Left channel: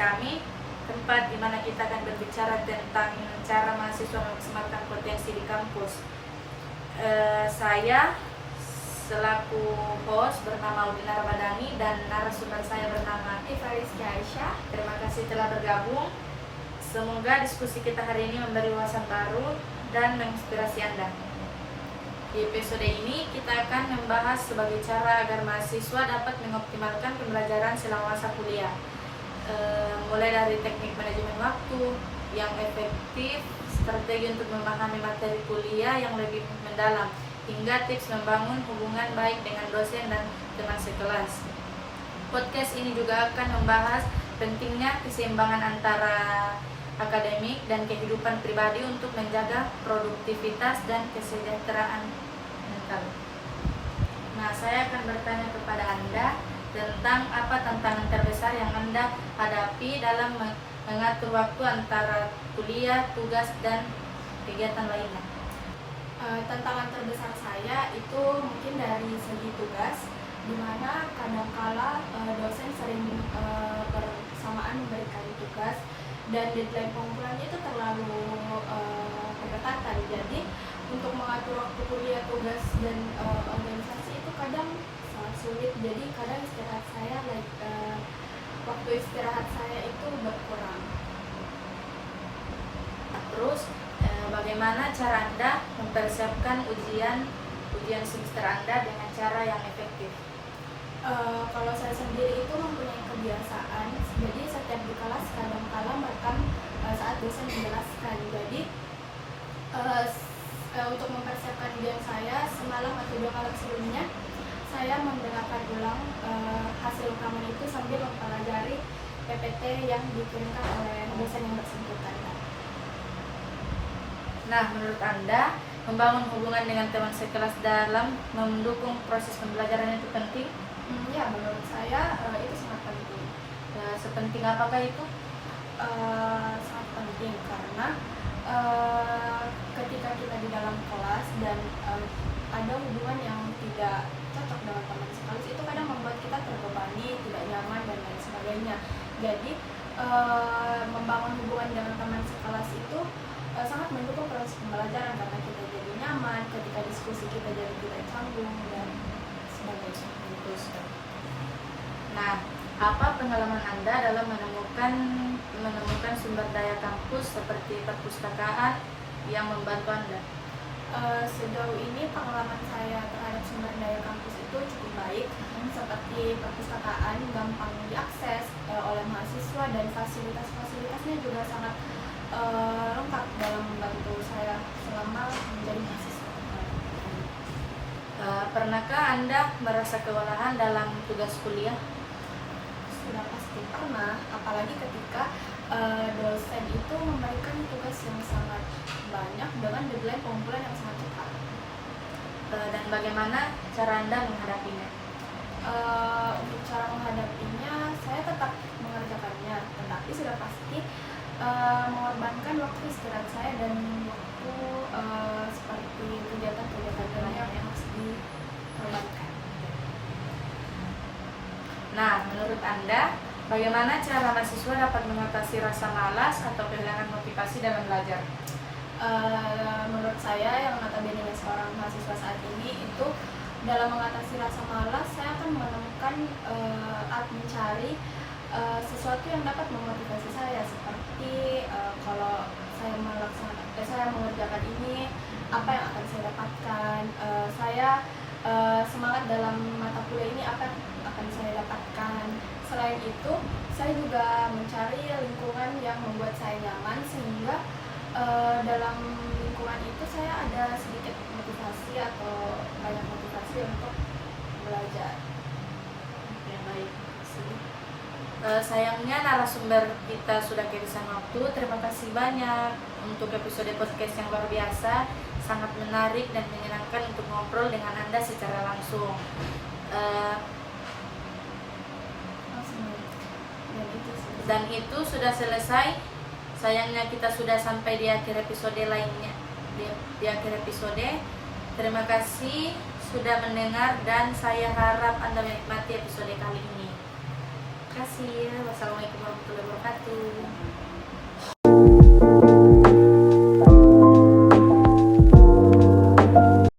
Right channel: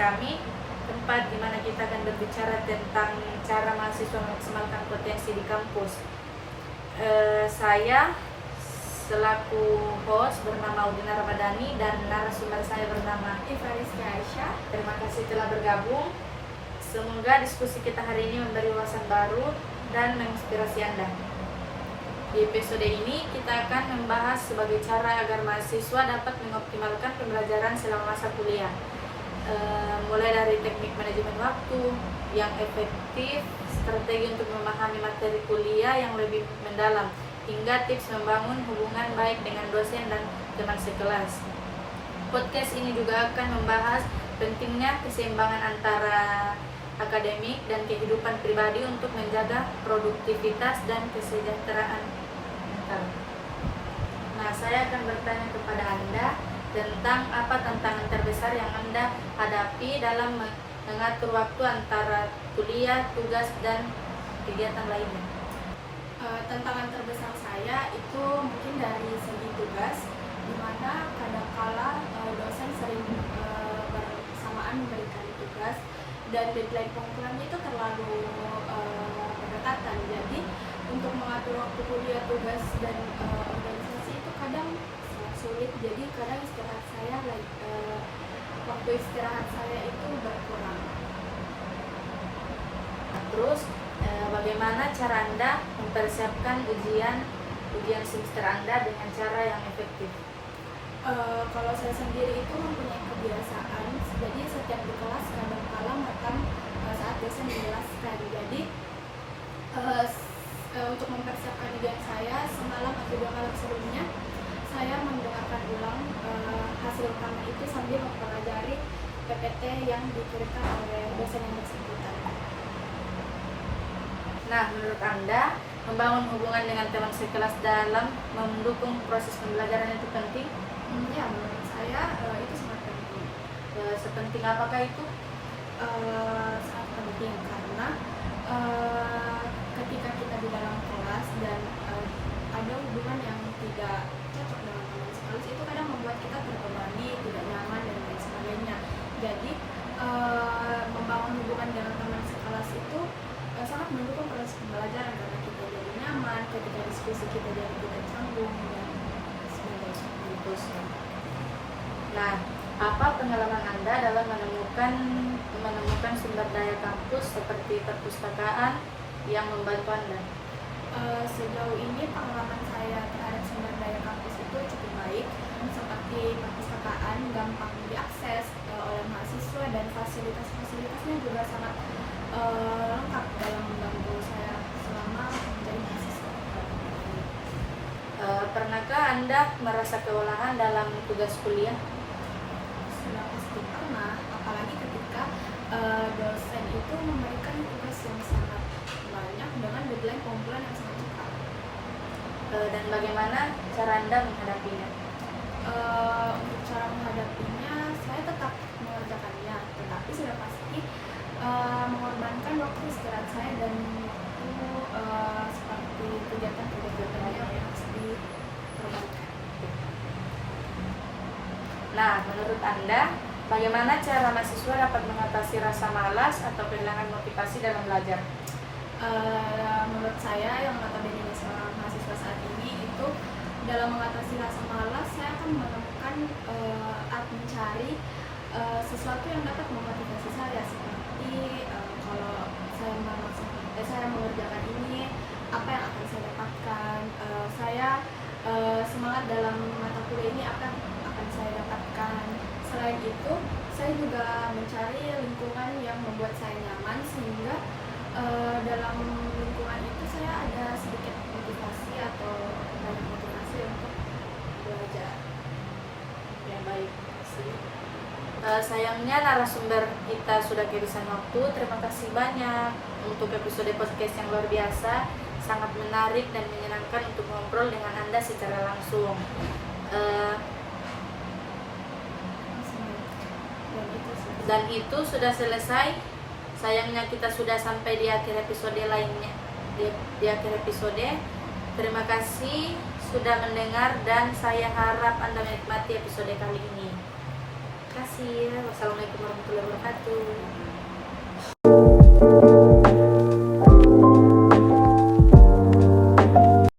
kami, tempat di mana kita akan berbicara tentang cara mahasiswa memaksimalkan potensi di kampus. Saya selaku host bernama Udina Ramadhani dan narasumber saya bernama Rizky Aisyah. Terima kasih telah bergabung. Semoga diskusi kita hari ini memberi wawasan baru dan menginspirasi Anda. Di episode ini kita akan membahas sebagai cara agar mahasiswa dapat mengoptimalkan pembelajaran selama masa kuliah. Mulai dari teknik manajemen waktu yang efektif, strategi untuk memahami materi kuliah yang lebih mendalam, hingga tips membangun hubungan baik dengan dosen dan teman sekelas. Podcast ini juga akan membahas pentingnya keseimbangan antara akademik dan kehidupan pribadi untuk menjaga produktivitas dan kesejahteraan mental. Nah, saya akan bertanya kepada Anda tentang apa tantangan terbesar yang Anda hadapi dalam mengatur waktu antara kuliah, tugas, dan kegiatan lainnya. Tantangan terbesar saya itu mungkin dari segi tugas, di mana kadangkala dosen sering bersamaan memberikan tugas dan deadline pengumpulan itu terlalu berdekatan. Jadi untuk mengatur waktu kuliah, tugas, dan organisasi itu kadang sangat sulit. Jadi kadang istirahat saya waktu istirahat saya itu berkurang. Terus bagaimana cara Anda mempersiapkan ujian semester Anda dengan cara yang efektif? Kalau saya sendiri itu mempunyai kebiasaan, jadi setiap di kelas kadang-kala merekam saat dosen menjelaskan. Jadi untuk mempersiapkan ujian saya, semalam atau 2 malam sebelumnya saya mendengarkan ulang hasil rekaman itu sambil mempelajari PPT yang dikirimkan oleh dosen yang bersangkutan. Nah, menurut Anda, membangun hubungan dengan teman sekelas dalam mendukung proses pembelajaran itu penting? Ya, menurut saya itu sangat penting. Sepenting apakah itu? Sangat penting karena ketika kita di dalam kelas dan ada hubungan yang tidak cocok dengan teman sekelas, itu kadang membuat kita terbebani, tidak nyaman, dan lain sebagainya. Jadi membangun hubungan dengan teman sekelas itu sangat mendukung proses pembelajaran karena kita jadi nyaman, ketika diskusi kita jadi tidak canggung dan sebagainya. Gitu, nah, apa pengalaman Anda dalam menemukan sumber daya kampus seperti perpustakaan yang membantu Anda? Sejauh ini pengalaman saya terhadap sumber daya kampus itu cukup baik, seperti perpustakaan gampang diakses oleh mahasiswa dan fasilitas-fasilitasnya juga sangat lengkap dalam membantu saya selama menjadi mahasiswa. Pernahkah Anda merasa kewalahan dalam tugas kuliah? Sudah pasti pernah, apalagi ketika dosen itu memberikan tugas yang sangat banyak dengan deadline pengumpulan yang sangat cepat. Dan bagaimana cara Anda menghadapinya? Untuk cara menghadapinya, saya tetap mengerjakannya, tetapi sudah pasti mengorbankan waktu istirahat saya dan waktu seperti kegiatan-kegiatan lain yang harus dikorbankan. Nah, menurut Anda, bagaimana cara mahasiswa dapat mengatasi rasa malas atau kehilangan motivasi dalam belajar? Menurut saya, yang notabene seorang mahasiswa saat ini, itu dalam mengatasi rasa malas, saya akan menemukan mencari sesuatu yang dapat memotivasi saya, seperti kalau saya mengerjakan ini, apa yang akan saya dapatkan, saya semangat dalam mata kuliah ini, apa yang akan saya dapatkan. Selain itu, saya juga mencari lingkungan yang membuat saya nyaman, sehingga dalam lingkungan itu saya ada sedikit motivasi atau banyak motivasi untuk belajar. Ya, baik, terima kasih. Sayangnya narasumber kita sudah kehabisan waktu. Terima kasih banyak untuk episode podcast yang luar biasa, sangat menarik dan menyenangkan untuk ngobrol dengan Anda secara langsung. Dan itu sudah selesai. Sayangnya kita sudah sampai di akhir episode lainnya. Di akhir episode. Terima kasih sudah mendengar dan saya harap Anda menikmati episode kali ini. kasih. Wassalamualaikum warahmatullahi wabarakatuh.